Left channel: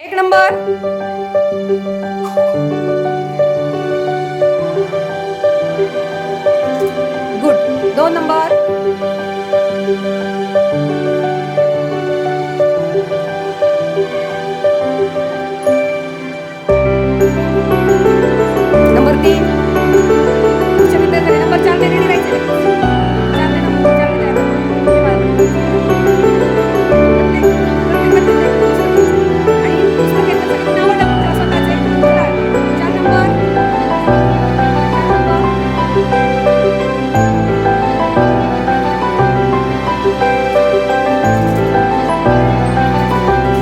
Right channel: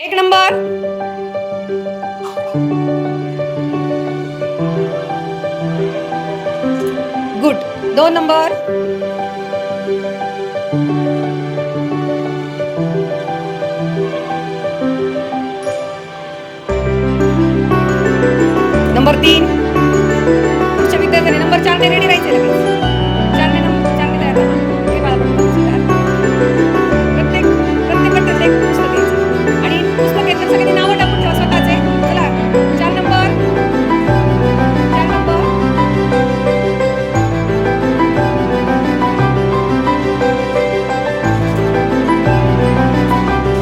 एक number. Good. 2 number. Number 3. पुढच्या विद्यार्थ्याने नंबर 4 ने रेडी राहायचे लगेच. 4 ने तयार राहा. हे मला पटकन प्रत्येक प्रत्येक गटात एक पुस्तक घ्यायचं आणि पुस्तक घेतलं सगळ्यांनी नावं टाकून ठेवा स्वतःचे. चला 4 नंबर. 4 नंबर.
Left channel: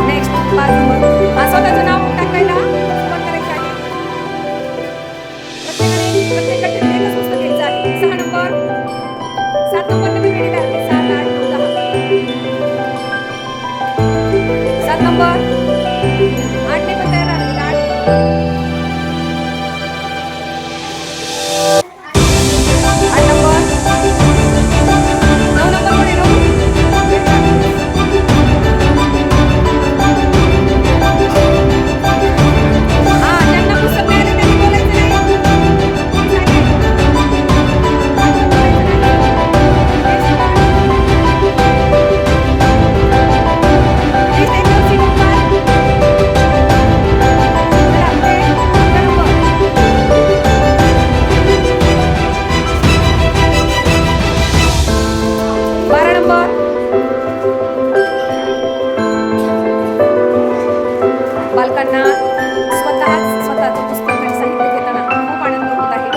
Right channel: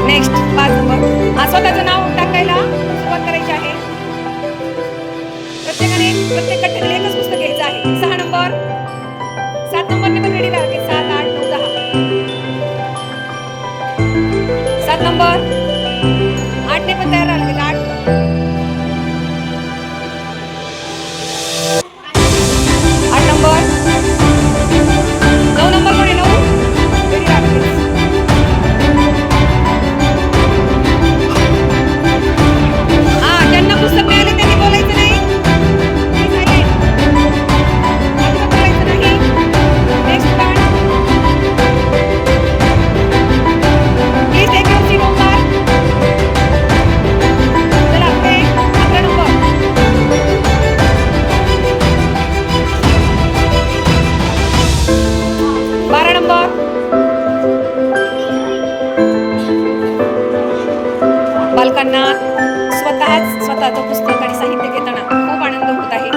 Next 5 number. स्वतःचं नाव टाकायला सुरुवात करायची आहे. प्रत्येकाने प्रत्येक गठ्ठ्यातील एकच पुस्तक घ्यायचं आहे. 6 नंबर. 7 नंबरने पण रेडी लागते. 7, 8, 9, 10. 7 नंबर. 8 ने पण तयार राहिले. 8. 8 नंबर. 9 नंबर कोण आहे? 9 रेडी लागते. ज्यांना पुस्तक मिळाले त्यांनी बोलायचं नाही. अजिबात बोलायचं नाही. Next turn. Please take your seat Omkar. चला पुढे 11 नंबर. 12 नंबर. बालकांना स्वतःचं पुस्तक आणि साहित्य घेताना खूप आनंद होत आहे.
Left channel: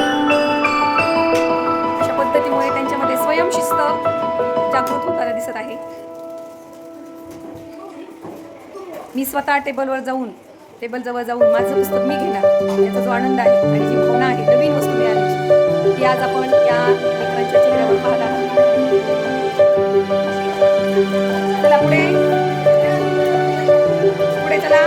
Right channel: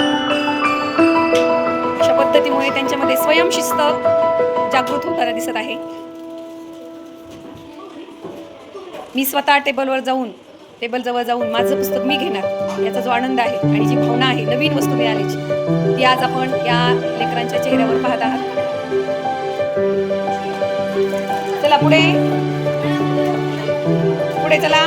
अशा पद्धतीमुळे त्यांच्यामध्ये स्वयंशिस्त जागृत होताना दिसत आहे. मी स्वतः टेबल जवळ जाऊन माझं पुस्तक मी घेणार याचा जो आनंद आहे आणि जी भावना आहे नवीन वस्तू मिळाल्याची ती आज आपण या लेकरांच्या चेहऱ्यावर पाहत आहात. चला पुढे चला.